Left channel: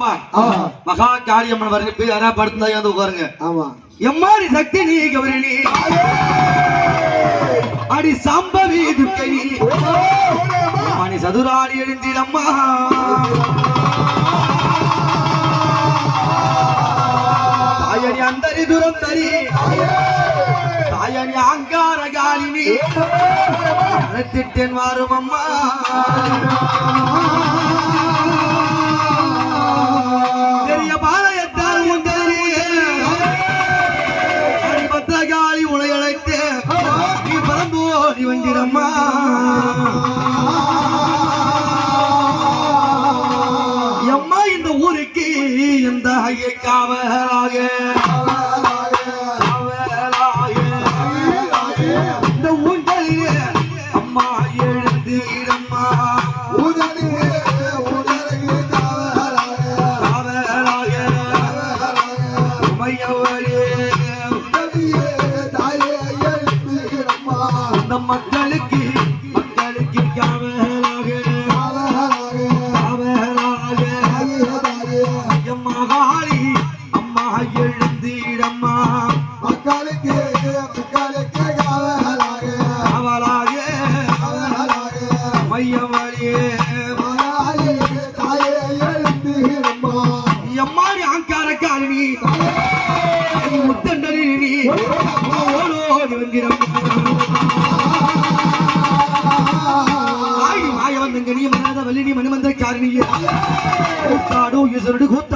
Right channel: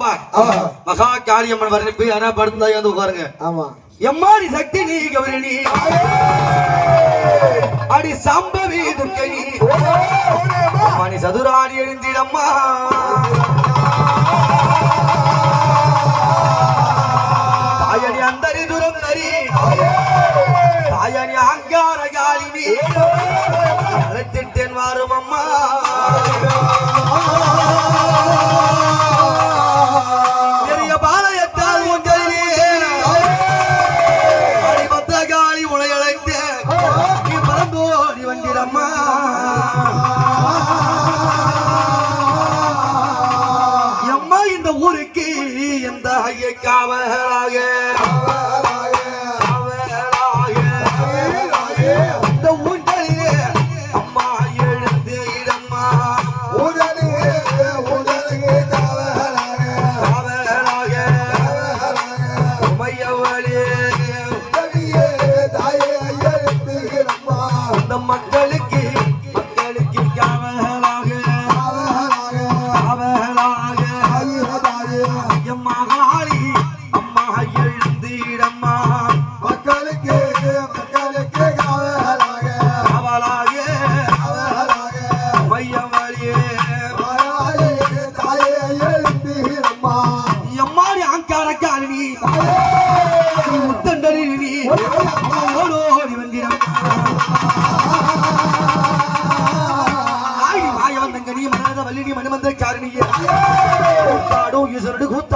மகா வரணும் போய் யாரா படுத்தா வந்து உட்காருங்க. ஆமா. எம்மாடி சக்தி நீ கௌரி நீ. அடி சம்பவி துர்க்கை மணி சதுராடி எழுந்திடம்மா. தாயணி அந்தரி துரம் தரி. தாயணி அங்கார காலினி அழைத்திட்டேன் வரும் அம்மா ஊஞ்சலிலே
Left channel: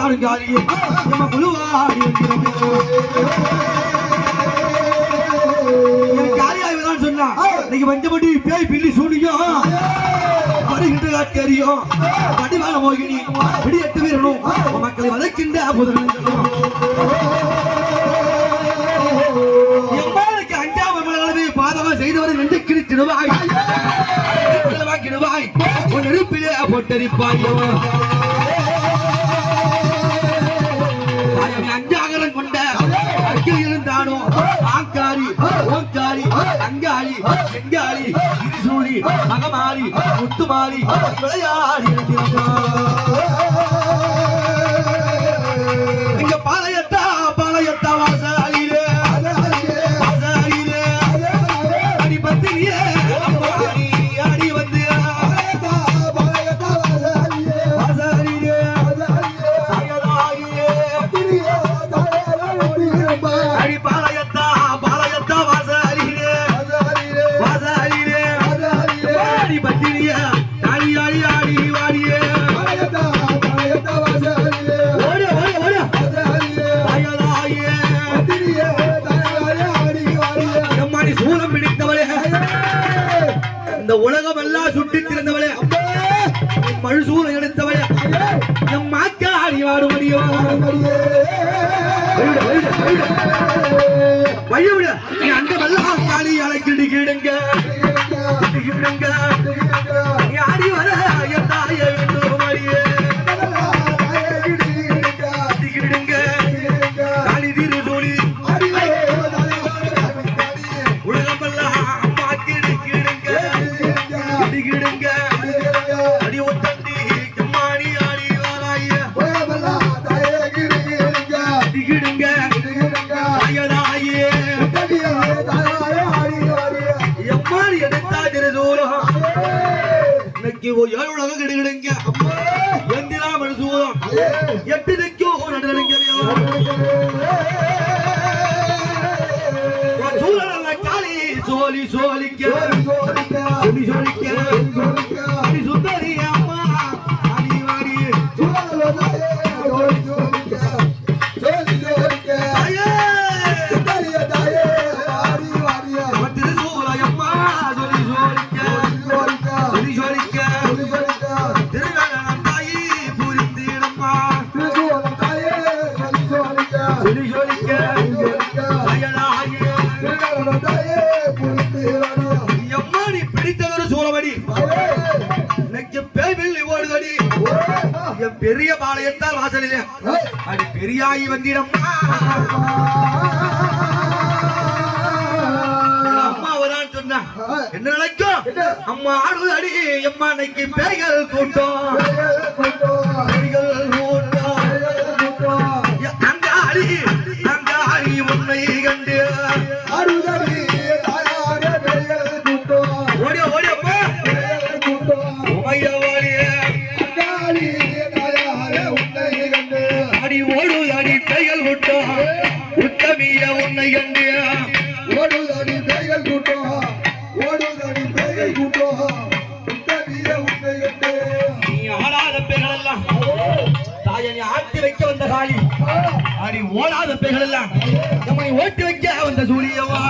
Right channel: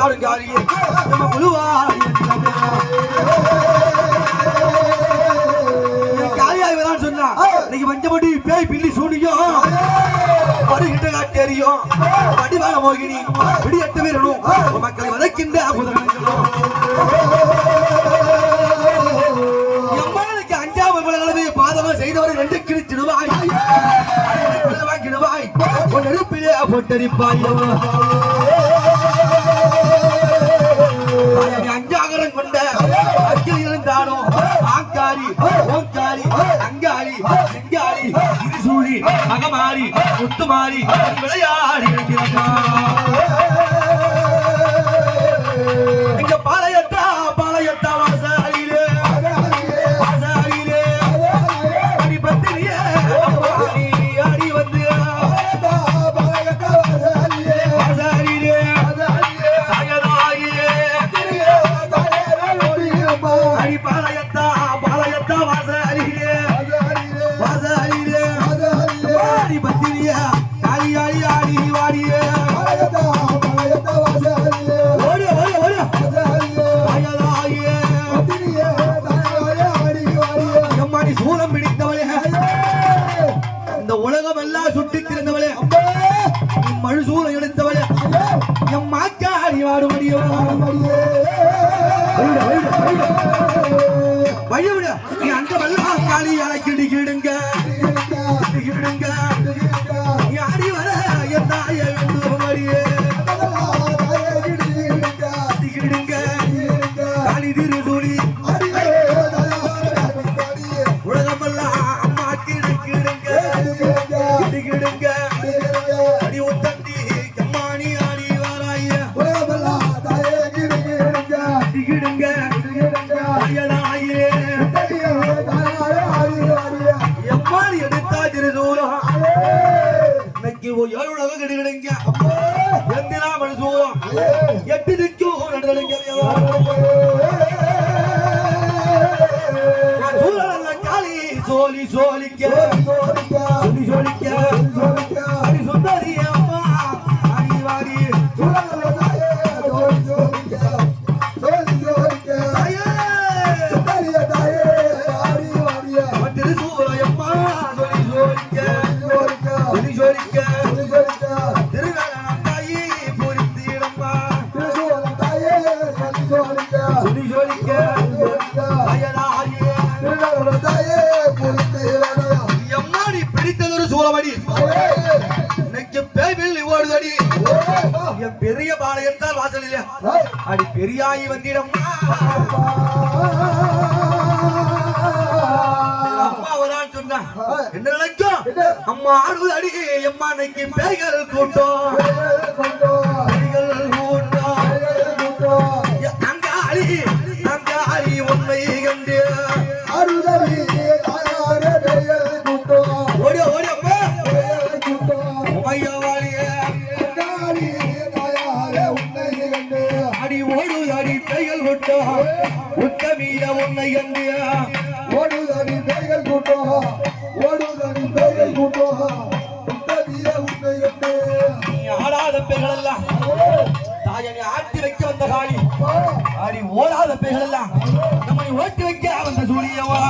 ஈஸ்வரடு கூத்தாடும் காரியே நம்ம குழுவாடி சொன்னா நீங்க வந்தபடி பேய் பில்லி சூனியும் வருகின்ற காட்டி அறியும் வடிவான மோகினி விடி வீரனும் மக்களை வதைக்கின்ற புதனங்களும் எம்மாளுக்கு அஞ்சாவது அளவு பாதமா செய்தவரை ரெண்டு கிழிச்சிடுவாய் கிடுவாய் ஒரு நெருப்பிலே கொண்ட அக்கில் இருந்தானோ ஆங்காரி ஓங்காரி அங்காரி செங்காரி இருசூடி மகமாரி முத்துமாரி விளையா மாக்காடி வாடுமடியோ வழி விட நீ அந்த வெள்ளம் பாடி அழைக்கிடி கீடுங்க. கீடுங்க. ஆடி வர தாயை வேண்டும் வழியே காளி தீரு சூழி இன்னைக்கு ஒரு ஏழு உலகம் கிடுகிடுங்க. எந்திரா மனுசூரம் எட்டு நிற்கும் நடடுங்க சூழல பெரிய பாளையத்தால் வாசலில் அடி பெரியாயி வந்திடம். அம்மா வரான்னு சொன்னா என்ன நினைக்கும் அம்மா ஆடுவது அடி எம்மா கூட்டம். பேய்கள் கூட்டம். கண்டியா ஓடுதடி பேய்கள் கூட்டம் ஓடுதடி பேய்கள் கூட்டம் உத்தமிய உன்னை கண்டு நீ ஆடாத பெண்கள் எல்லாம் தாயனை ஆட்டி வைக்க வந்த காளி. அடி ஓடாத பெண்கள் எல்லாம் நம்மை ஓட்டி வைக்க வந்த சூரியவா?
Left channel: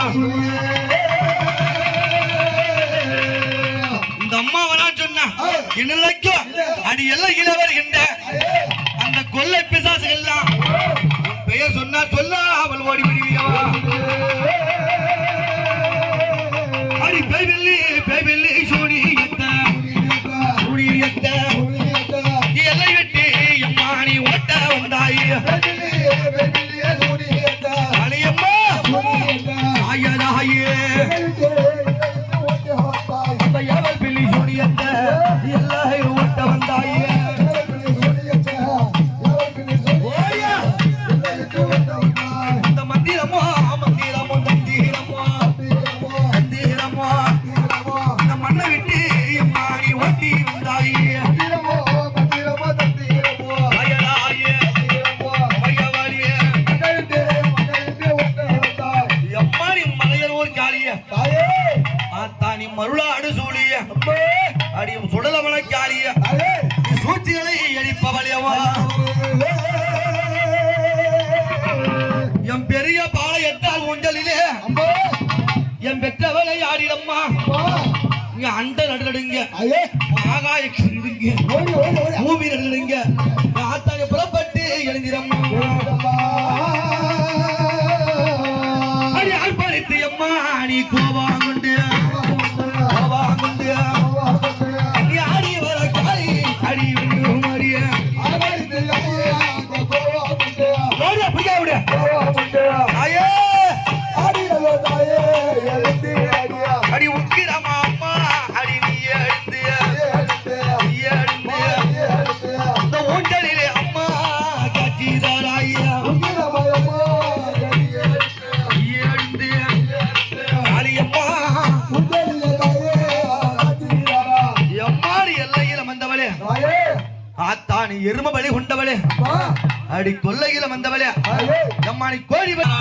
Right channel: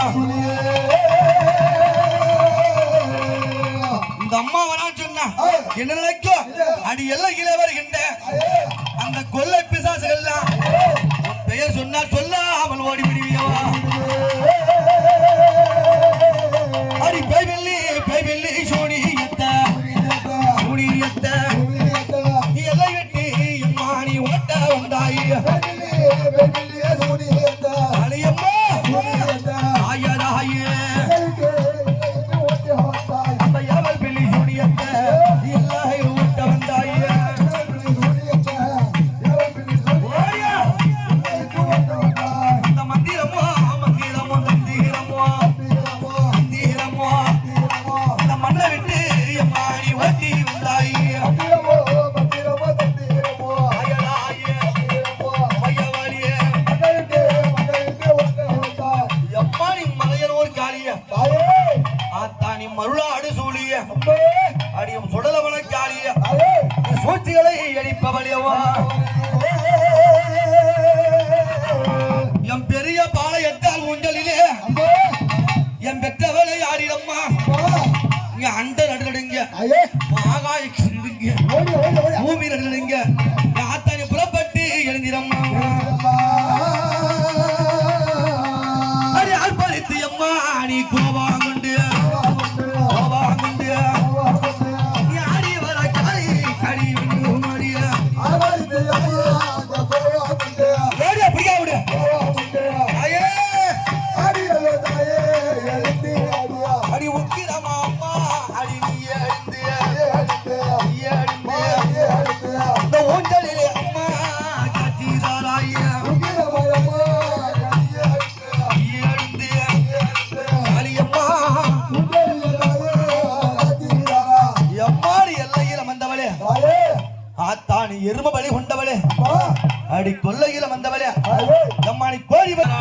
இந்த அம்மா வரா சொன்னா என்ன அடி எல்லாம் கீழே வருகின்ற அந்த கொள்ளை பிசாசுகள் எல்லாம் பெயர் சொன்னா சொல்ல அவள் ஓடி விடுவியவா? மருளாடு சூழிய. அடியும் சுடலமன காளிய சூழ்ச்சிகளை எடிப்பவளியவா எம் பெரிய பாளையத்தால் ஊஞ்சலிலே. என் பெற்றவளை யாரிடம்மா இங்க அண்ட நடுநடுங்க. ஆகாய சிந்துங்க. பூமி நடுநடுங்க ஆத்தாங்க புறப்பட்டு எழுந்திரம்மா. அடி ஆழ்படுத்தி அம்மா நீ கோவாங்குண்டு ஆத்தானி எரும பலி கொண்டவளே. அடி கொல்லையில வந்தவளே. கோழி பலி